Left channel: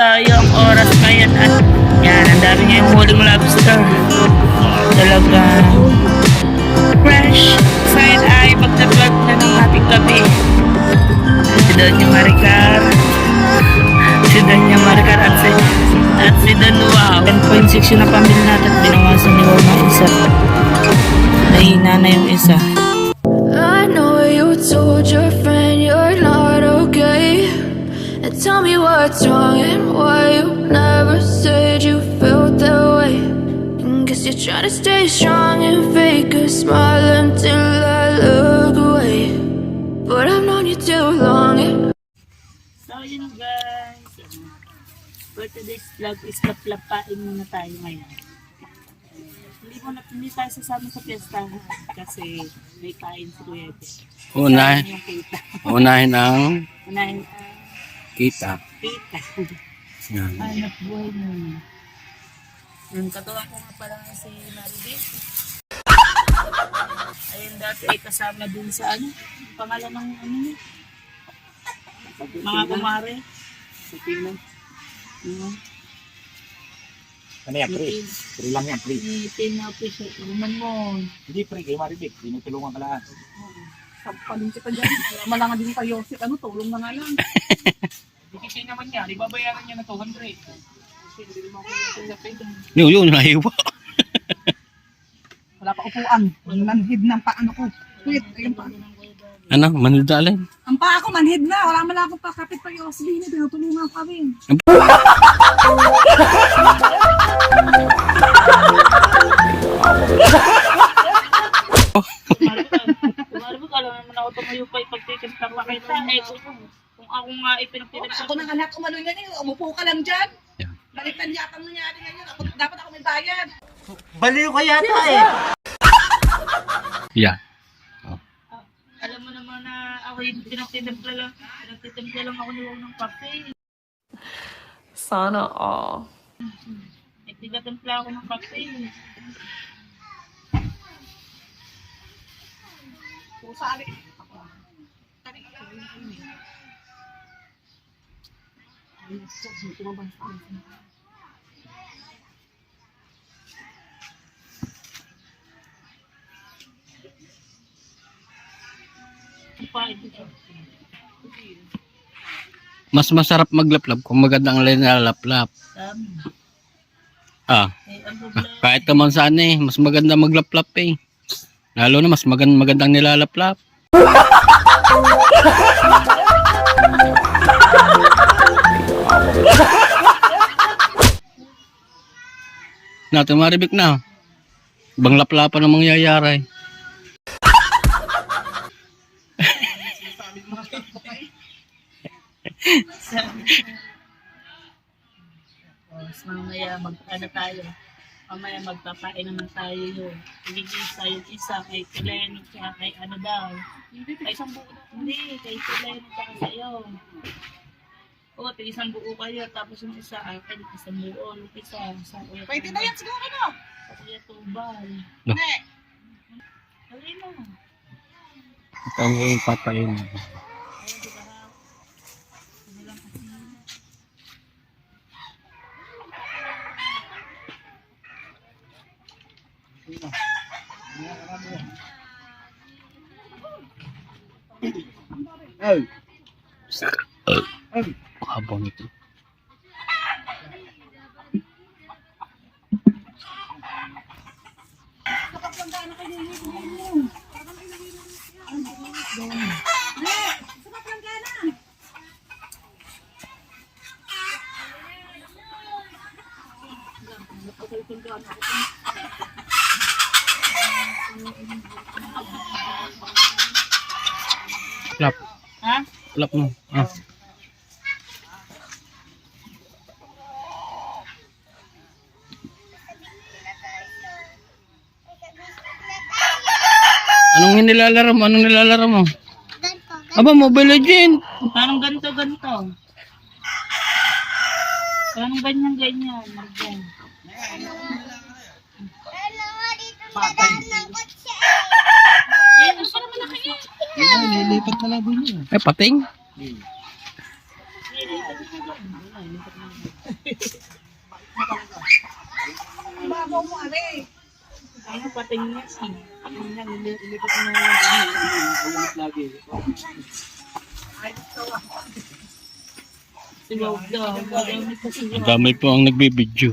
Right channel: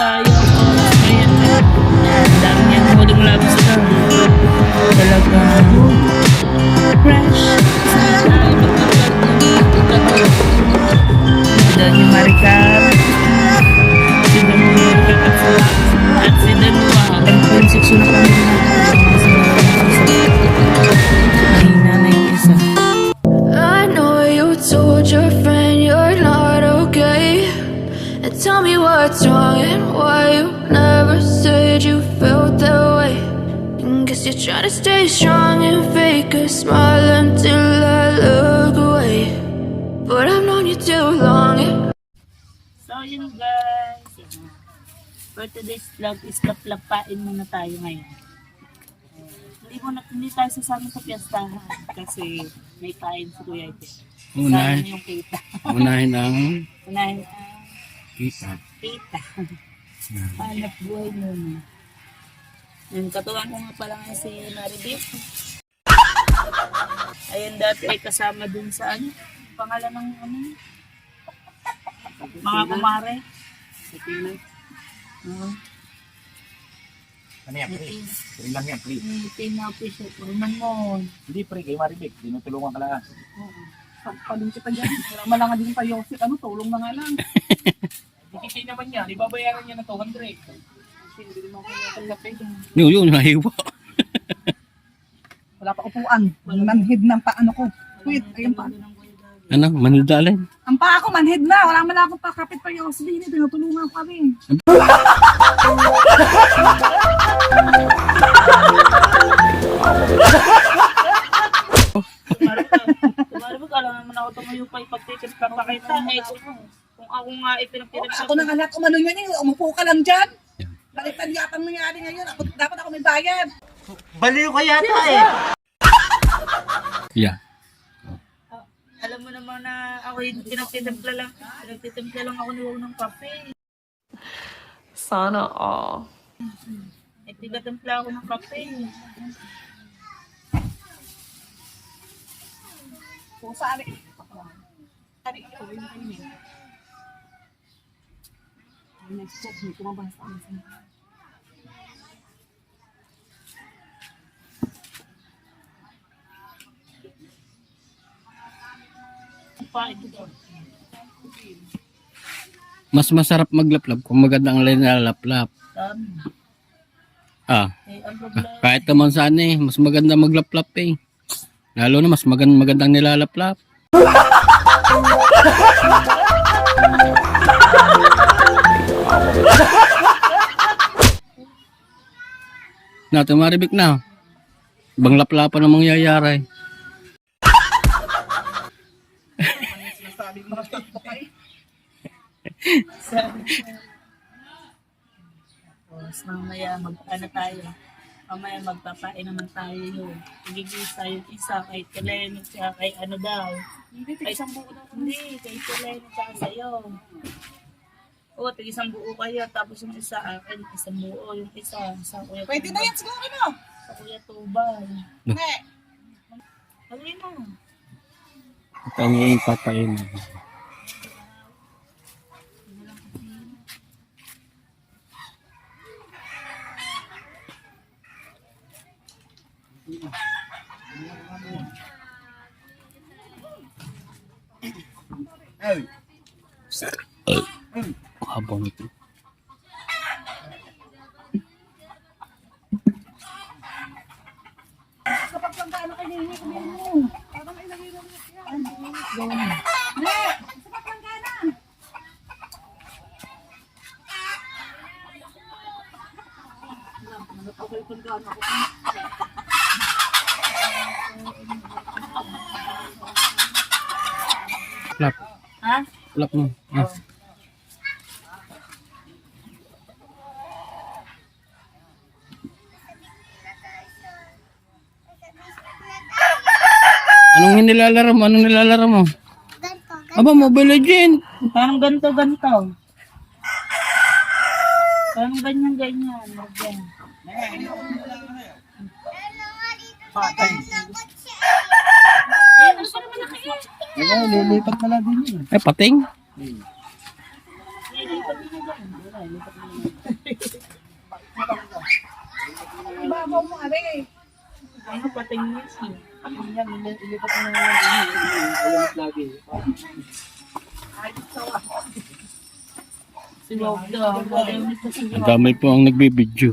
tayo ang oras ngayon at yan, ang dami niya yung huling lobster. Talaga fresh. So yun ay magta-vlog na ng ating gabi. Si Doña Maricar. Si Doña Maricar at si Don Wow. 10.6 yung napamili natin. Dinawasan ni Wow ng isa. Nahina na yung isa. I know you told your friend you're not okay, and tell me what's wrong and why you never said you felt that way. And guess you're trying to stay strong and fake a smile until I look away, but I've known you too long. So yun guys, for today's vlog is paplapain muna tayo ngayon. Hindi tayo sasama sa piyesta kasi may kain si Kuya Ede. Unahin ang Unahin kita. kita. Yan. Hanap buhay muna. Yung katuwang ko nga pala nga si Maribik. Ayun dati ay kasama dun sa pangalan ng niya? Mga kumare. Sa Tingnan. Ano yan, pre? Pre lang yan, pre. Tinapis siya. Turunan mo. Hindi, pre, kayo Maribik. Tinutulungan ka lang. Sampalin kita dyan. Wala malanga din pa Yosef. Tulong na nga lang. Dikiti naman niya. Di babayaran niya na 200. Yun, nahiwa. Wala pa upuan. Manhid ng paano ko. Wait, ayun pa. Ano, manudalin? Ang paa ko manhid na. Wala man akong pakapit pa Yosef. Tinutulungan pa rin. Maribik, alam naman ako tumayo pa ipagtitimpla pa kita. Kung ako nga ipinagtitimpla. Ako nang anak umano niyan eh. Umupo ka lang dyan. Yeah. Balikan yatang nangyari ngayon. Dapat ako may bayad. Baliw ka yata eh. Yeah. Alam mo naman na ako yung pinagtitimpla lang ako ni Wow ng kape. Sana all. Nagtitimpla ako ng kape. So, saan eh? Mas masarap maglaplap kung magandang nilalaplap. Ang problema. Kahit naman saan mas maganda maglaplap eh. Lalo na mas magandang nilalaplap. Natin Maribik na. Ibang laplapan ang mangyayari. Mamaya tayo. Mamaya magpapain naman tayo yun. Igigisa yung isa kay Teleno siya kay daw. Hindi, kay Teleno siya sa'yo. Oo, isang buo kayo. Tapos yung isa akin, isang buo. Yung isa sa Kuya Tubal. Pwede na yan siguro Sa Kuya Tubal. No. Alin mo. Ito ang iyong papain. Habang ito. kapag lang tayo nakahihingi kung yan mo. Parang may nahirang na siya. Sarap lang ka na. Plap. Ha? Plap mo. Anong nilalaro mo? Anong nilalaro mo? Aba, Mobile Legend. Parang ganito. Parang ganyan. Marjan. Gusto naman na kayo. Lilipat na lang din yun. Pating. Lilipat na dyan. Babaw mo, are. Ano pating niya siya? Ilipat na lang din. Ulit lagi. Ay, gusto ko. Si Wog daw. Marami pa si Ang Wog. damay po ang nagbibideo.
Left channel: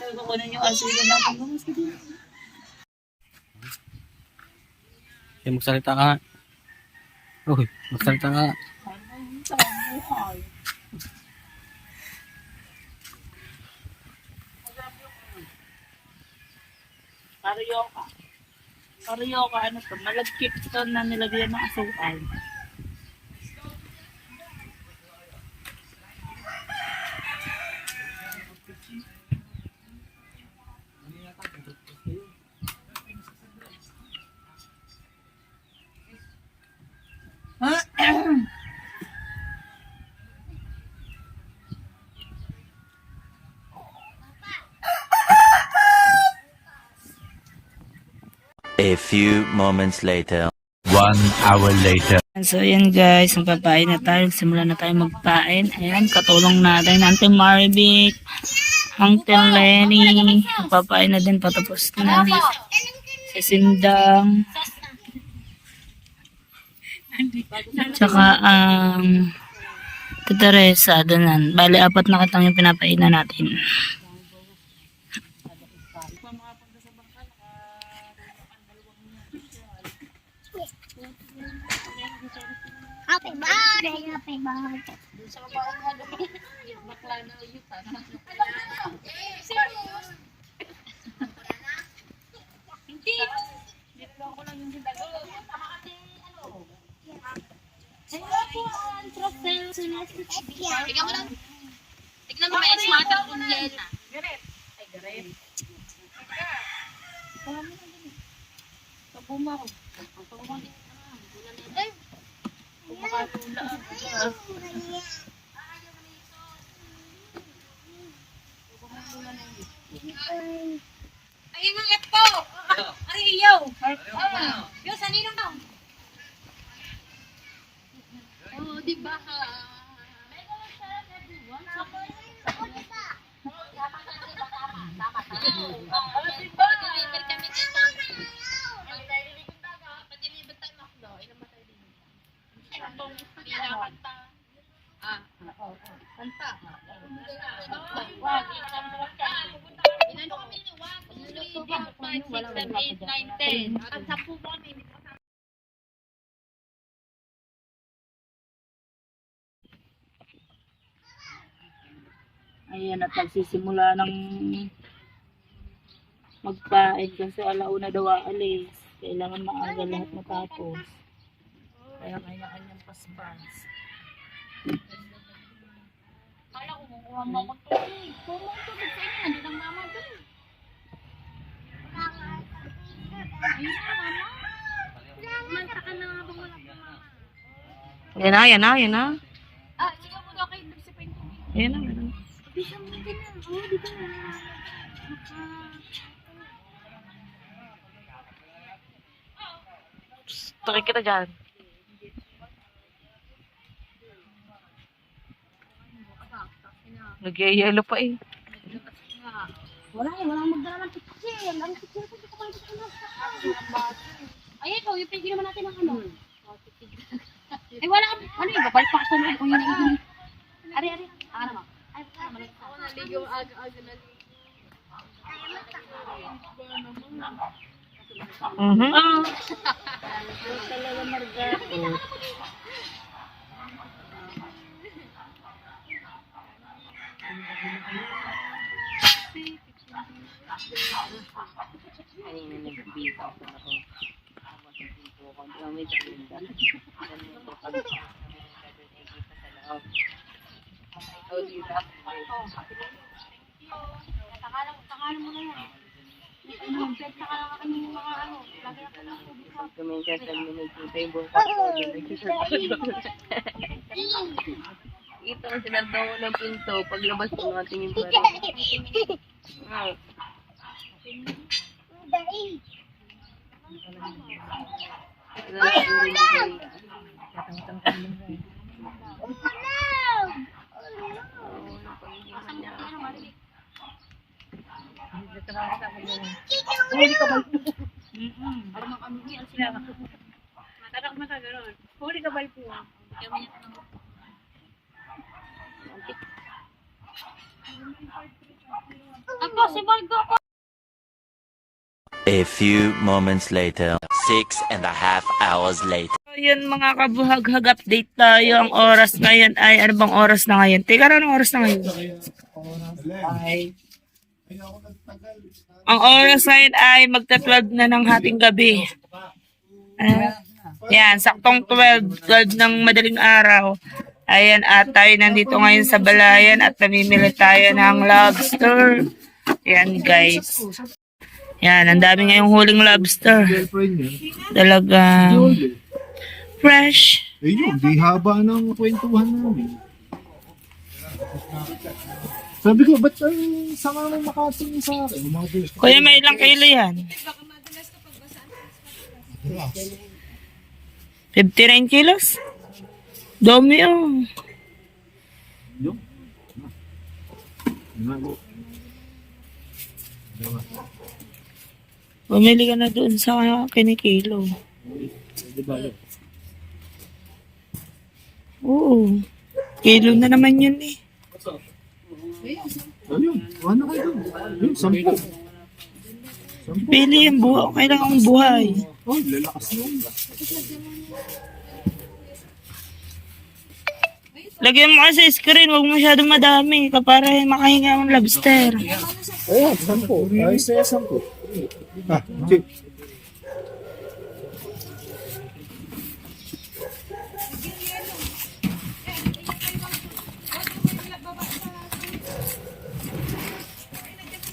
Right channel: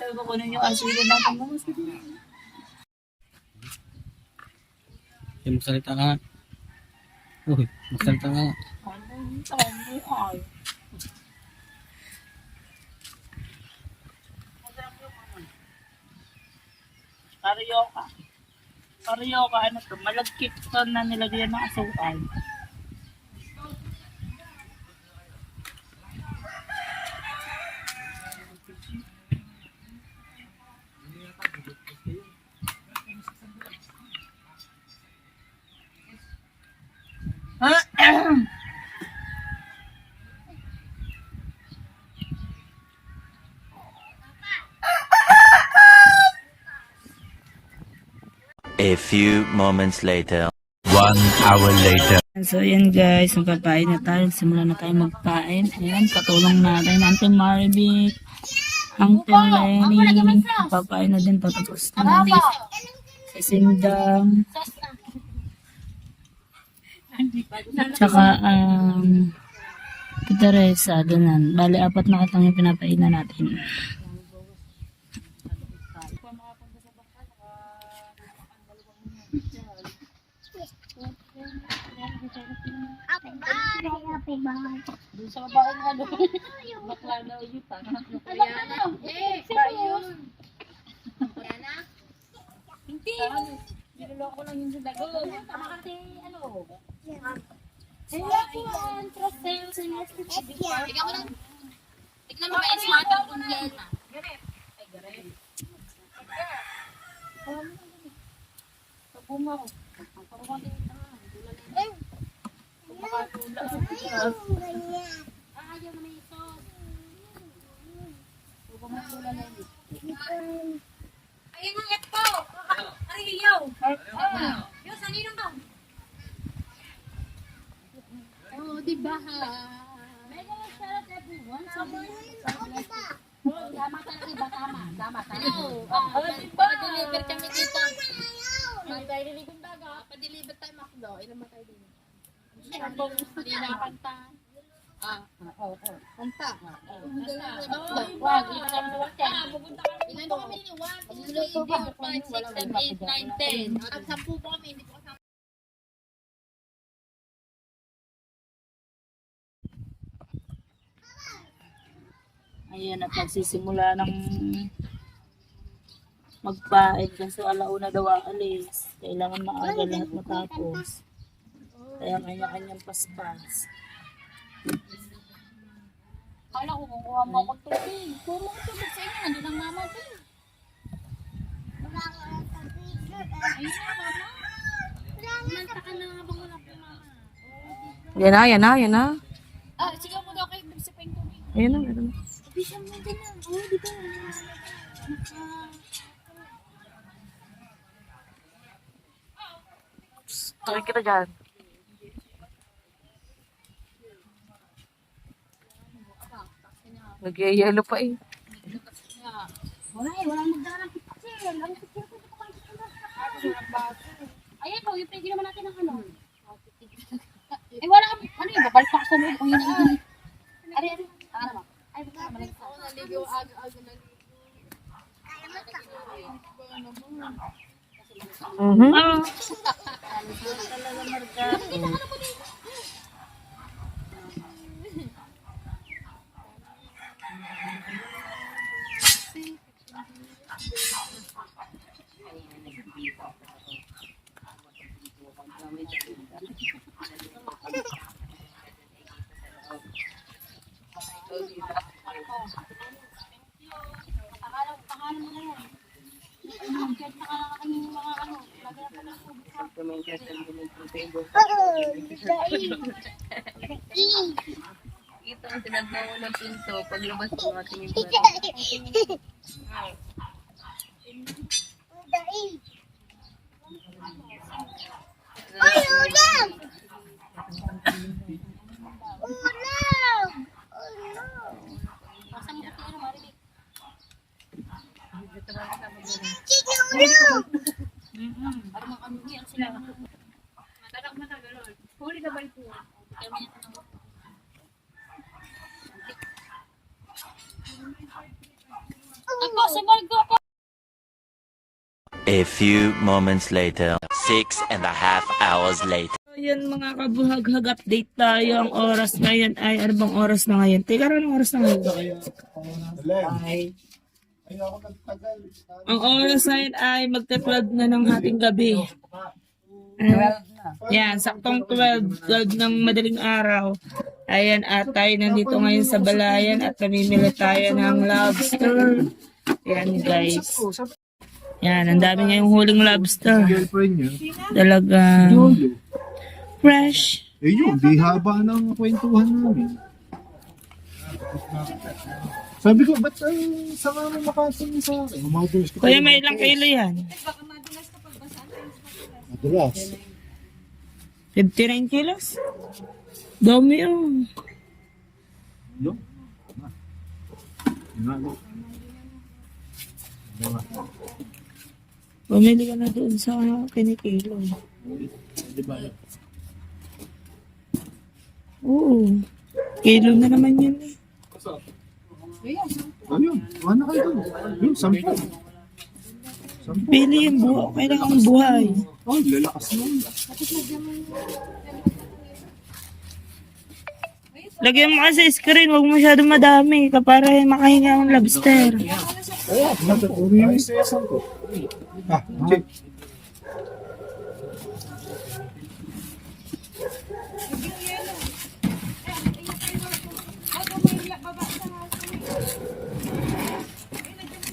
Sabi ko kunin yung aso na natin. Mas ka din. Kaya magsalita ka nga. Uy, magsalita ka nga. Ano sa buhay? Karyoka. Karyoka, ano to? Malagkit to na nilagyan ng asukal. A few moments later. 1 hour later. So, ayan guys, magpapain na tayo. Simula na tayo magpain. Ayan, katulong natin. Auntie Marvic, Uncle Lenny. Magpapain na din patapos na ni si Sindang. Tsaka, Tita Teresa, doon. Bali, 4 na katang yung pinapainan natin. Happy birthday, happy birthday. Tignan mo may smarter kung yan na. Ayun ang ito. Ay, iyo. Yo, sa ninong daw. Oh, di ba ha? Mega sarap everyone. Tama talaga ba? Tama. Pa-deliver kami dito. Pa-deliver daga. Pa-deliver tayo makdo. Ilan ba tayo din? Hindi na kanta. Kanta. Wag. Ilan ba kami nila? 1, 2, 3, 4, 5, 6, 7, 8, 9, 10. Ang 10 ba kami? Ayan, at nagsisimula ng magpain kasi alauna daw aalis. Kailangan maaga lahat matapos. Kaya kanya-kanyang paspas. Kala ko kukuha mo ako tubig. Puro ko tubig sa inyo. Nandun ang mama doon. Ayun na, mama. Manta ka na nga ba wala po, mama. Yan na. Ah, sige mo daw kayo. Bigsipin ko. Ayan na, meron na. Bisa mo din na. Oo, di ba? Takik kita dyan. Nagyayelo pa eh. Walang magdala ng pitsil. Ang pitsil ko, dito kayo dito. Ay, ikaw, yung pinigil naman natin ng ano. Ay, wala kami. Ano yung babalik pa sa mga kung yun ang gini. Ari. Ano ba? Ay, baka naman lang. Ako naligo aga-aga na. Talaga Margato. Pangalan mo na yan. Ano, pwede na ka lang kami yung mga ano. Lagay ako ng tubig sa Ito ang sinagbawa ng pinto paglabas ng ating eh. Ay, ulam! Ulam! A few moments later. 6.5 hours later. So, yun mga kabuhaghag, update tayo. Ang oras ngayon ay, ano bang oras na ngayon? Teka, anong oras na ngayon? Ang oras ngayon ay magta-12 na ng hating gabi. Yan, saktong 12 ng madaling araw. Ayan, at tayo nandito ngayon sa Balayan at namimili tayo ng lobster. Yan guys. Yan, ang dami ngayong huling lobster. Talagang fresh. Eh yun, di haba ng kwentuhan namin. Sabi ko, ba't ay sa kami makasin sa akin? Kuya, may ilang kilo yan? Madalas. 59 kilos? Dami oh. Yung? Bumili ka na doon sa kinikilo. Oo. Kilo na naman yun eh. Ayun, ano kayo doon? Yung, 10. Pili yung buhay. Kailangan kong buhay. Oh, lalakas yun. Lagyan mo kasi screen. Huwag masyadong madami. Para makahinga ang lobster. Oh, 10. Ay, saya 10. Ah, check.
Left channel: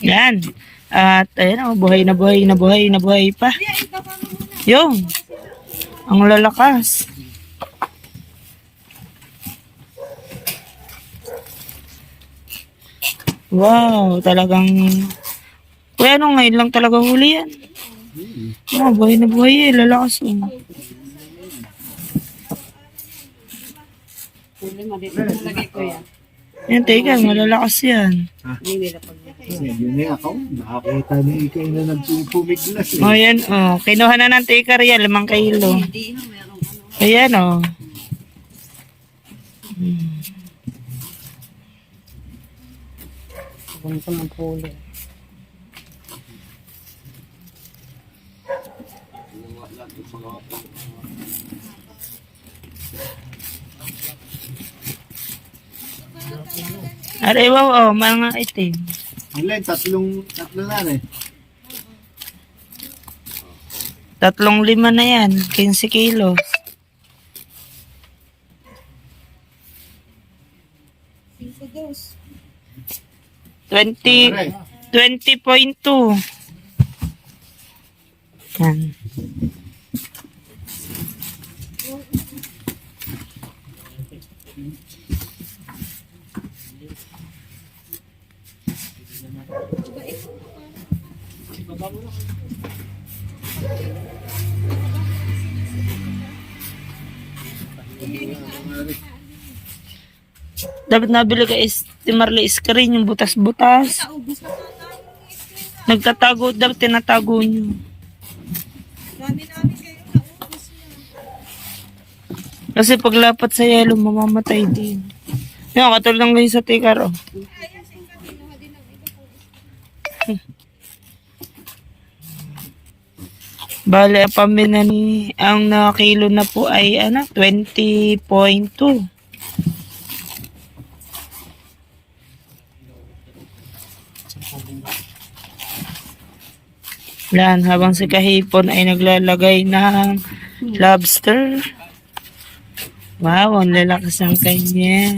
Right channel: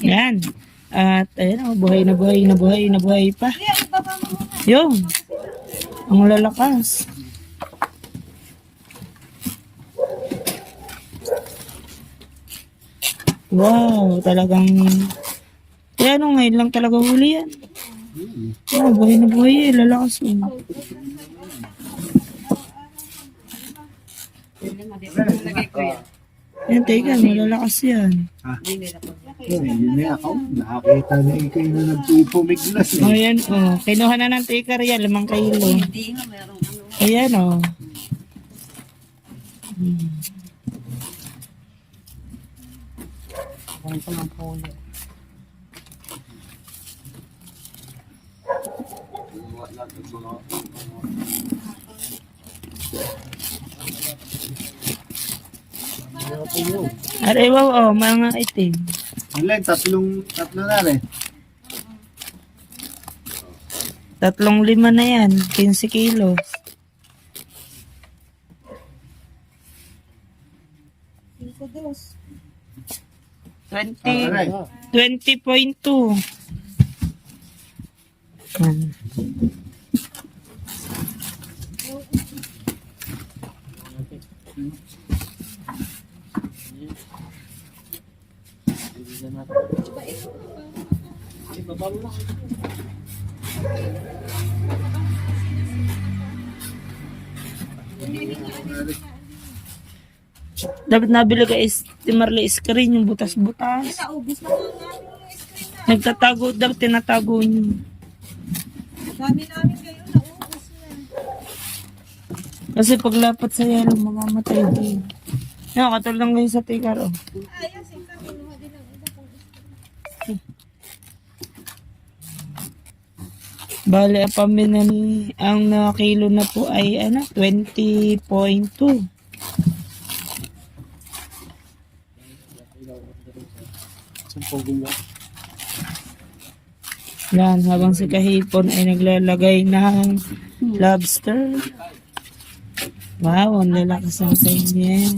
Yan. At ayun, buhay na buhay pa. Yung. Ang lalakas. Wow, talagang kaya nung ngayon lang talaga huli yan. Oh, buhay na buhay eh, lalakas oh. Yan, teka, malalakas yan. Yun na ako. Nakakita na ikay na nagpupumiglas. O yan, oh. Kinuha na ng taker yan, 5 kilo. Ayan, oh. Aray, wow, oh, mga itim. Alin, tatlo na rin. 3-5 na yan, 15 kilo. Aray. 20.2. Yan. Dapat nabili ka Marley screen yung butas-butas. Nagtatago, dapat tinatago nyo. Kasi paglapat sa yelo, mamamatay din. Yung katulad ng ganyan sa tikar, oh. Bale, ang pamina ni ang nakilo na po ay 20.2. Yan, habang si Kahipon ay naglalagay ng lobster. Wow, ang lalakas ang kanya.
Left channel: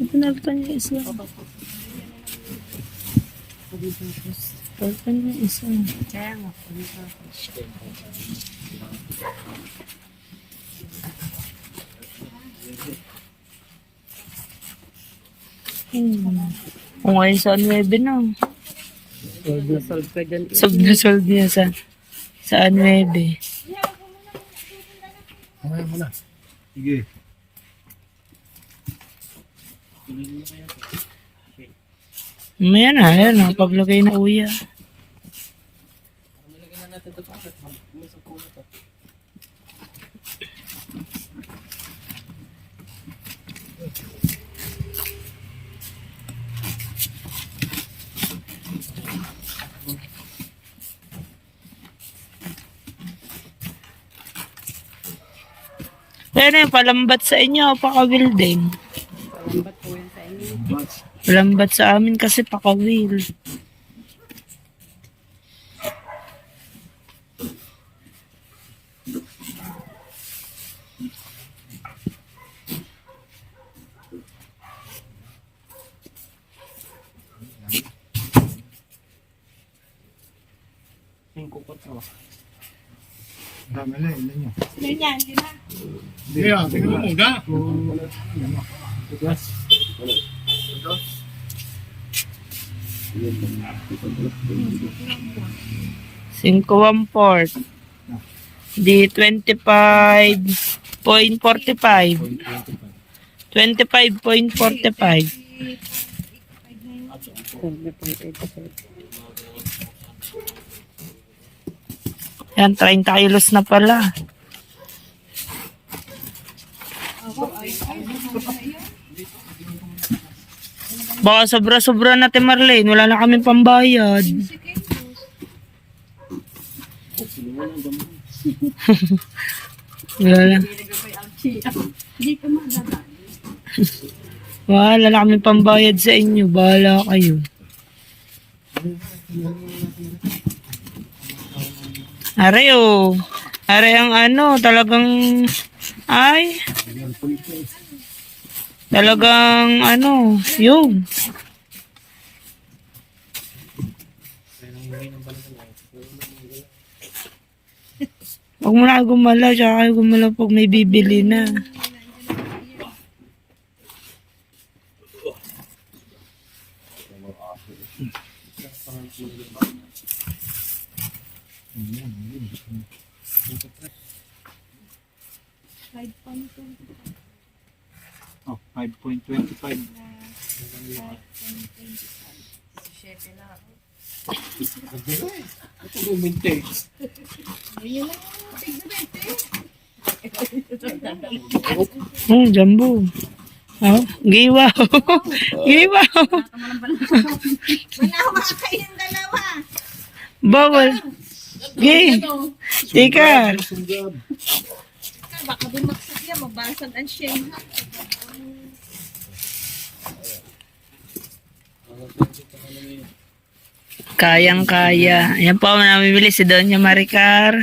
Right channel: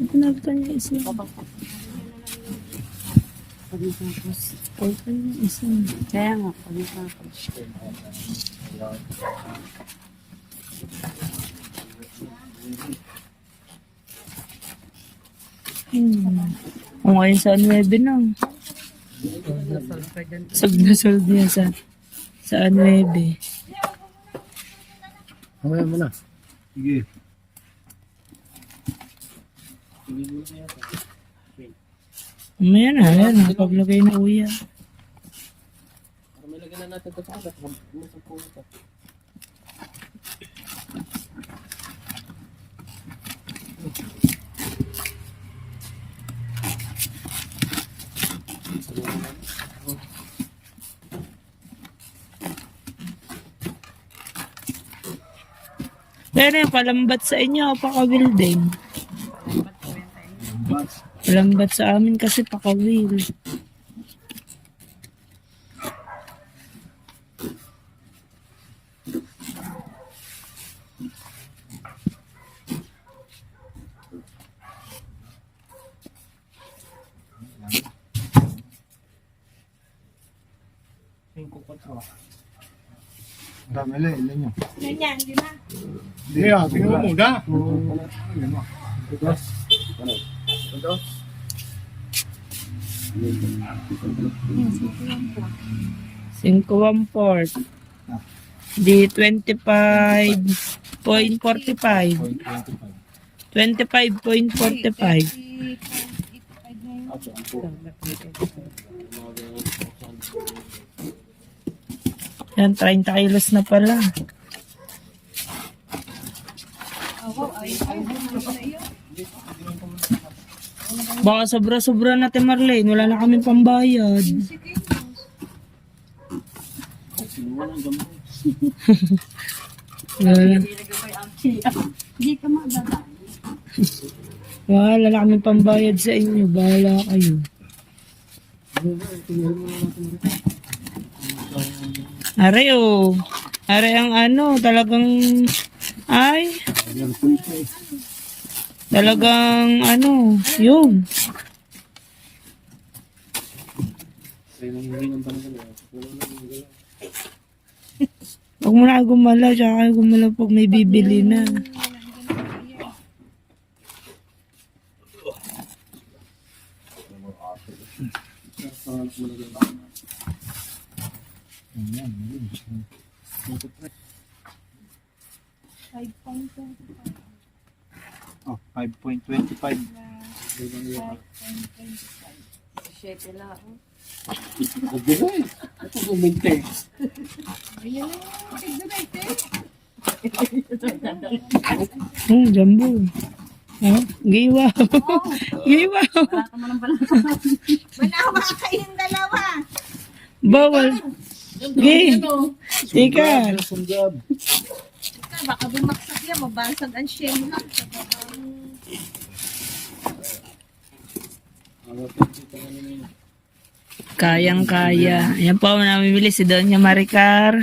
Ito na ito niya isla. Important yung isa. Kaya nga, kami pa. Kung ngayon sa 9 na. Sold na sold niya sa 9. Hanggang mo na. Sige. Mamaya na, ayan na. Paglagay na uya. Kaya na yung palambat sa inyo, pakawil din. Palambat sa amin kasi pakawil. Dami na, ilan nyo? Yan, hindi na. Hindi ah, tingnan mo muna. 5-1-4. Di 25.45. 25.45. Yan, 30 kilos na pala. Baka sobra-sobra natin, Marlene. Wala na kaming pambayad. Wala na. Wala na kaming pambayad sa inyo. Bahala kayo. Aray oh. Aray ang ano, talagang ay. Talagang ano, yun. Huwag mo na gumala, tsaka kayo gumala pag may bibili na. Oh, 5.25. Oh, jumbo. Oh, giwaw. Giwaw. Manawa kayong dalawa. Bawal. Gay. Tika. Baka bumaksak yan, mabalasag ang shen. Kayang-kaya. Ayan po ang namimili si Doña Maricar.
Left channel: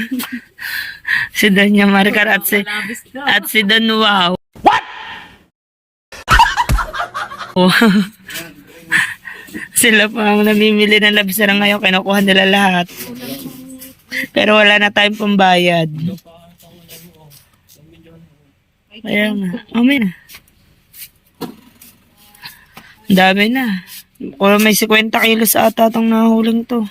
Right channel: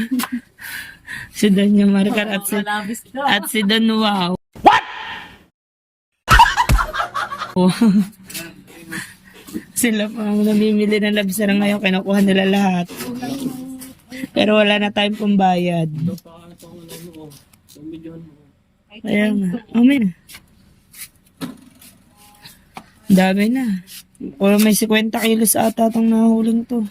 Si Doña Maricar at si Don Wow. What? Sila pa ang namimili ng labsara ngayon. Kinukuha nila lahat. Pero wala na tayong pambayad. Ayan nga. May na. Ang dami na. Kung may 50 kilos ata itong nahuling to.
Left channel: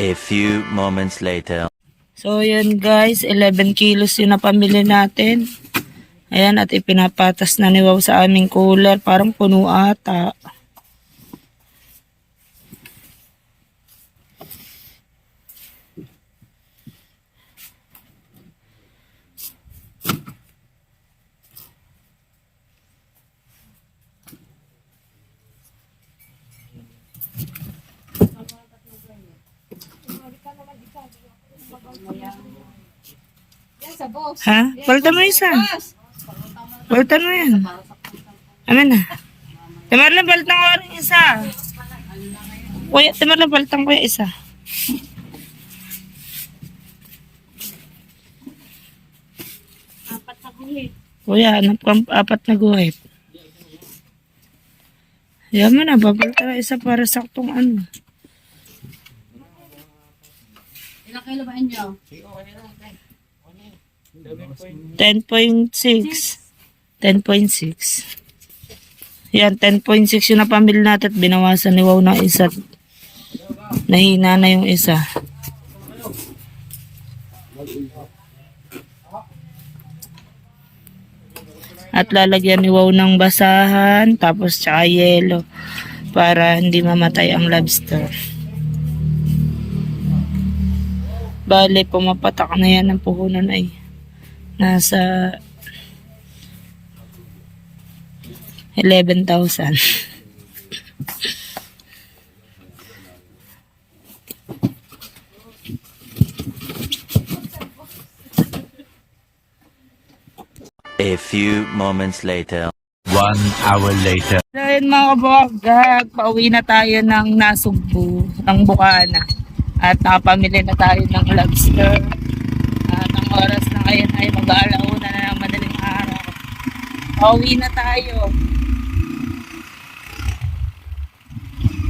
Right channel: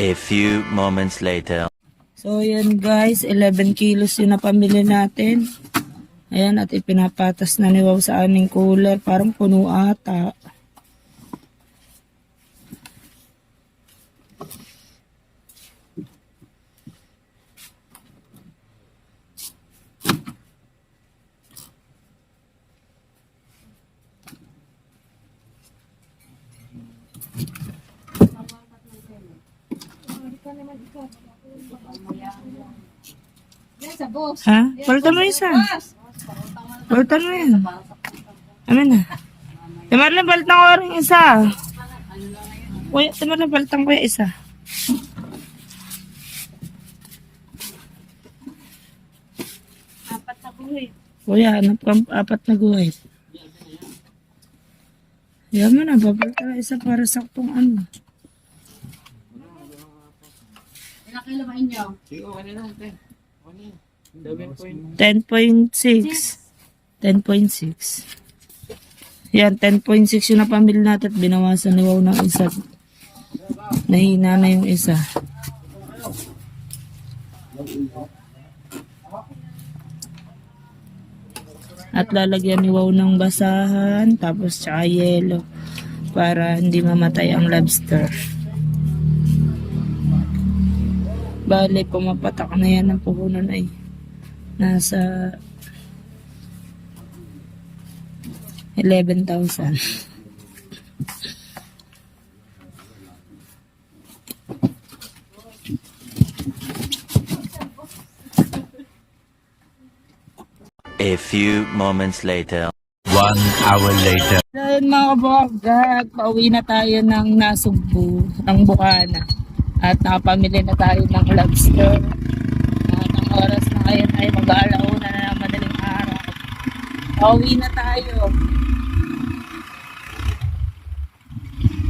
A few moments later. So yan guys, 11 kilos yung napamili natin. Ayan, at ipinapatas na ni Wow sa aming cooler. Parang puno ata. Ha? Palitan mo isa. Palitan mo yan. Amin na. Timarlan, palitan ko rin isa. Kuya, Timarlan, palitan ko yung isa. Apat na guhit. Kuya, hanap kang 4 na guhit. Yan mo na, babalik na isa para saktong ano. Ilang kilo ba inyo? 10.6. 10.6. Yan, 10.6 yung napamili natin at binawasan ni Wow ng isa. Nahina na yung isa. At lalagyan ni Wow ng basahan, tapos tsaka yelo para hindi mamatay ang lobster. Bale, pumapatak na yan ng puhunan ay nasa 11,000. A few moments later. 1 hour later. Ayun mga kabogag, pauwi na tayo ng Nasugbu, ng Bukana. At nakapamili na tayo ng lobster. At ang oras na ngayon ay mag-aalauna na ng madaling araw. Pauwi na tayo.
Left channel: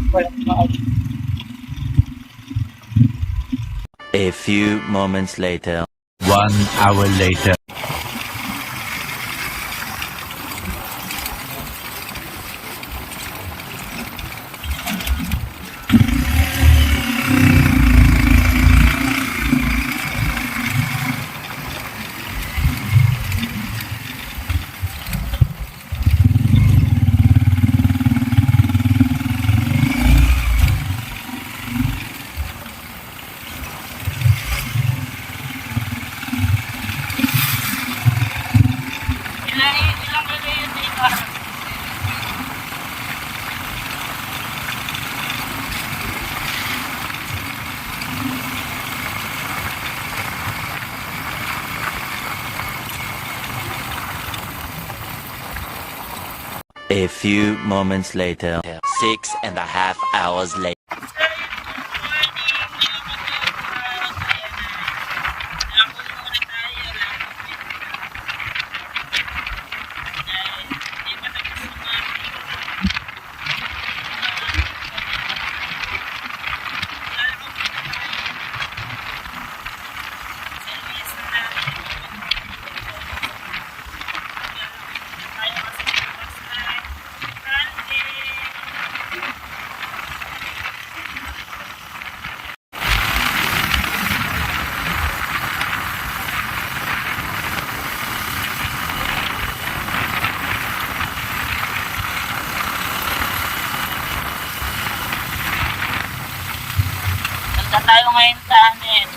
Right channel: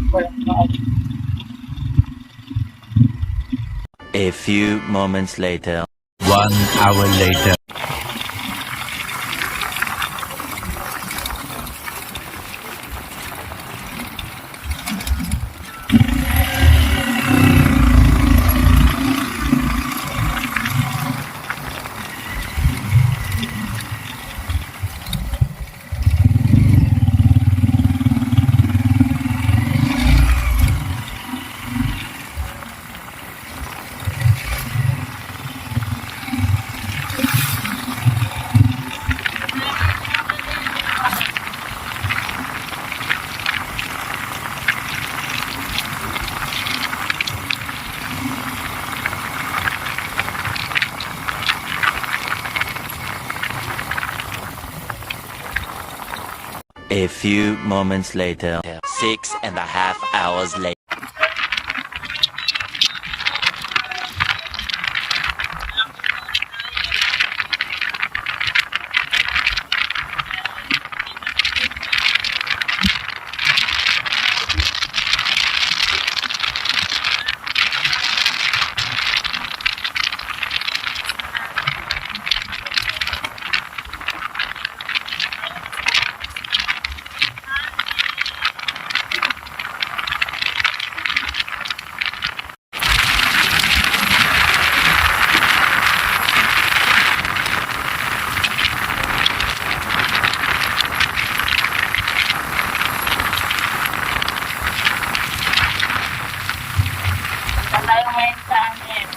Walang pauwi. A few moments later. 1 hour later. A few moments later. 6.5 hours later. Punta tayo ngayon sa amin.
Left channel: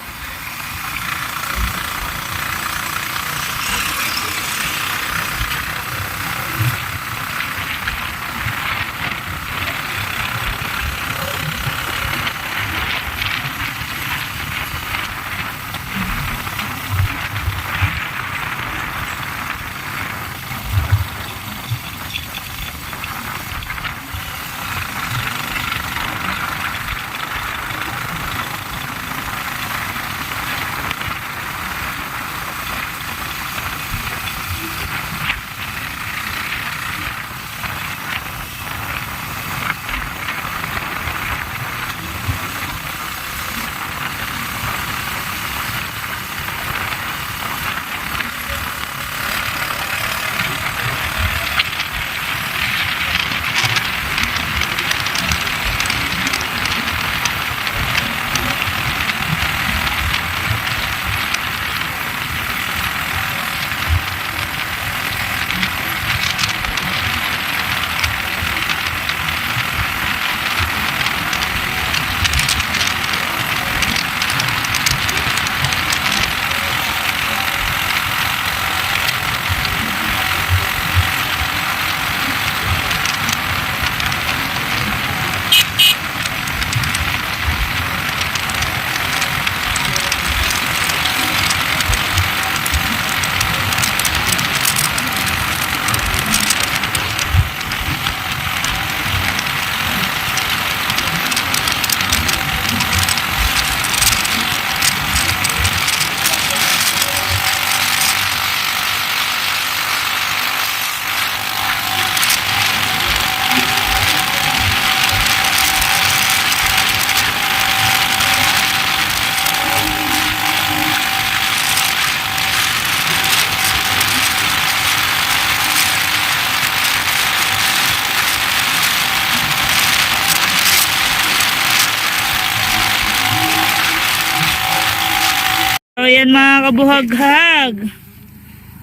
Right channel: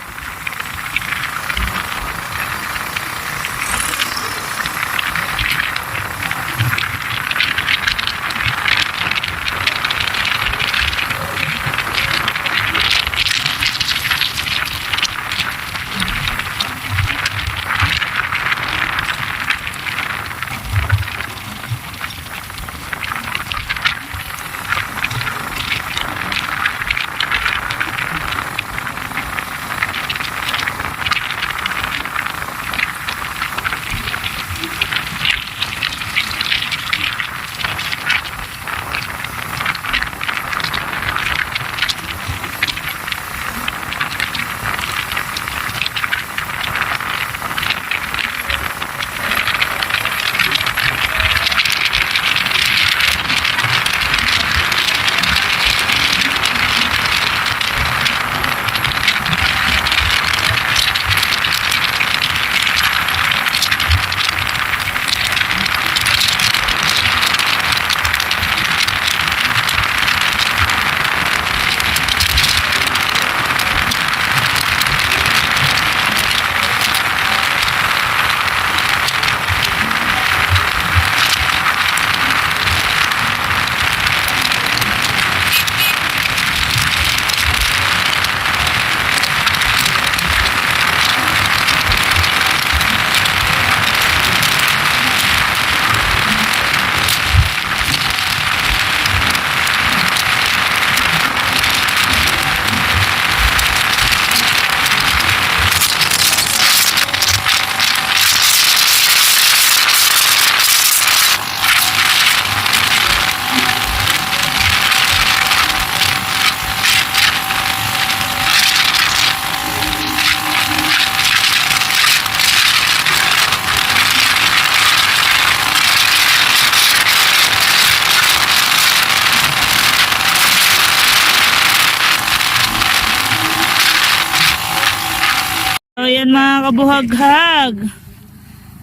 yan mga kabuhaghag.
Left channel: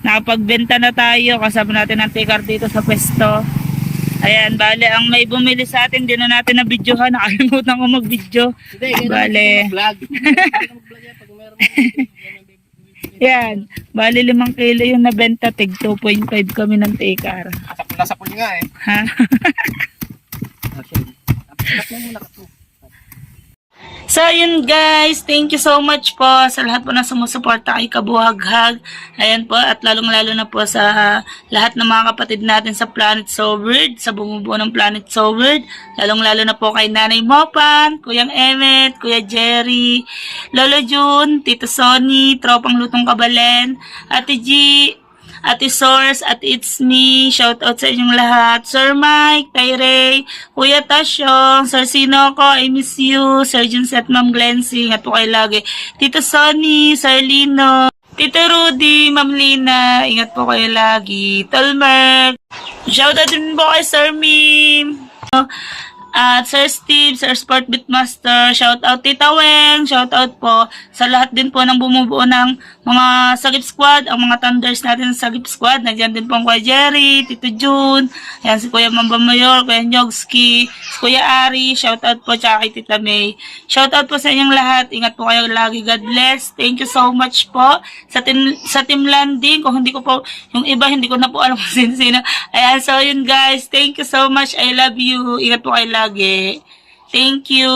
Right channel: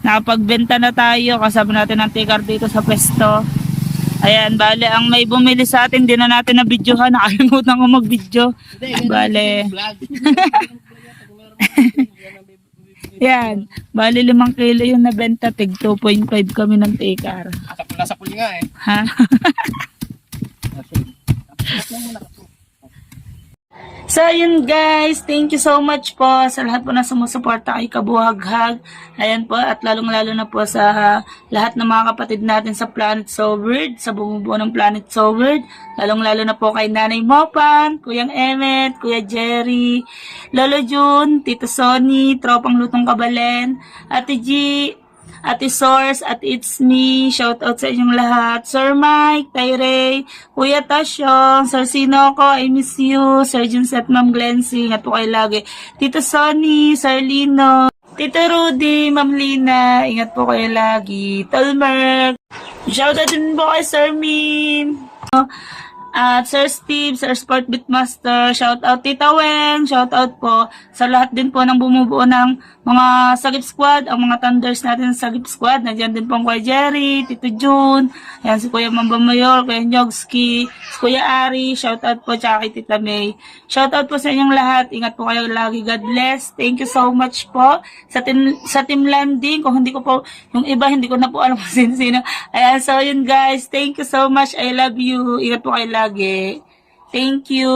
Nakapagbenta na tayo. Kasama natin ang tikar dito sa pwesto. Ayan, bale, ang may bumili sa atin, di na natin na videohan. Nakalimutan ko mag-video. Bale. Yan, bale 5 kilo yung nabenta. Tig 2.5 kami ng tikar. Nasa puli nga eh. Ha? So yun guys, thank you so much po sa lahat po na sumusuporta kay Kabuhaghag. Ayan po, at lalong lalo na po sa lahat ng mga kapatid natin sa Planet So Weird, sa bumubuo ng Planet So Weird. Lalong lalo na po kay Nanay Mopan, Kuyang Emmet, Kuya Jerry, Lolo June, Tito Sonny, Tropang Lutong Kabalen, Ate G, Ate Source, at It's Me, shout out sa inyong lahat. Sir Mike, Tyrey, Kuya Tasyong, Sir Sinoco, I miss you, Sir Junset, Ma'am Glensing, at po kayo lagi. Tito Sonny, Sir Lino, Tito Rudy, Ma'am Lina, ingat po kayo lagi. Tolmerk, shout out din po kay Sir Mim, at Sir Steve, Sir Sport Beatmaster, shout out Tita Weng, shout out po sa lahat din po ng bumubuo ng mga Sagip Squad, ang mga Thunders natin sa Sagip Squad. Nandiyan din po ang Kuya Jerry, Tito June, ayan si Kuya Mamba Mayor, Kuya Nyogski, si Kuya Ari, shout out po tsaka kay Tita May. Shout out po sa inyong lahat, ingat po kayo lagi, God bless. Thank you so much po sa team landing. Kung hindi ko po, yung iba hindi ko na po alam kung sino. Ayan, so yun guys, thank you so much, I love you, ingat po kayo lagi. Thank you.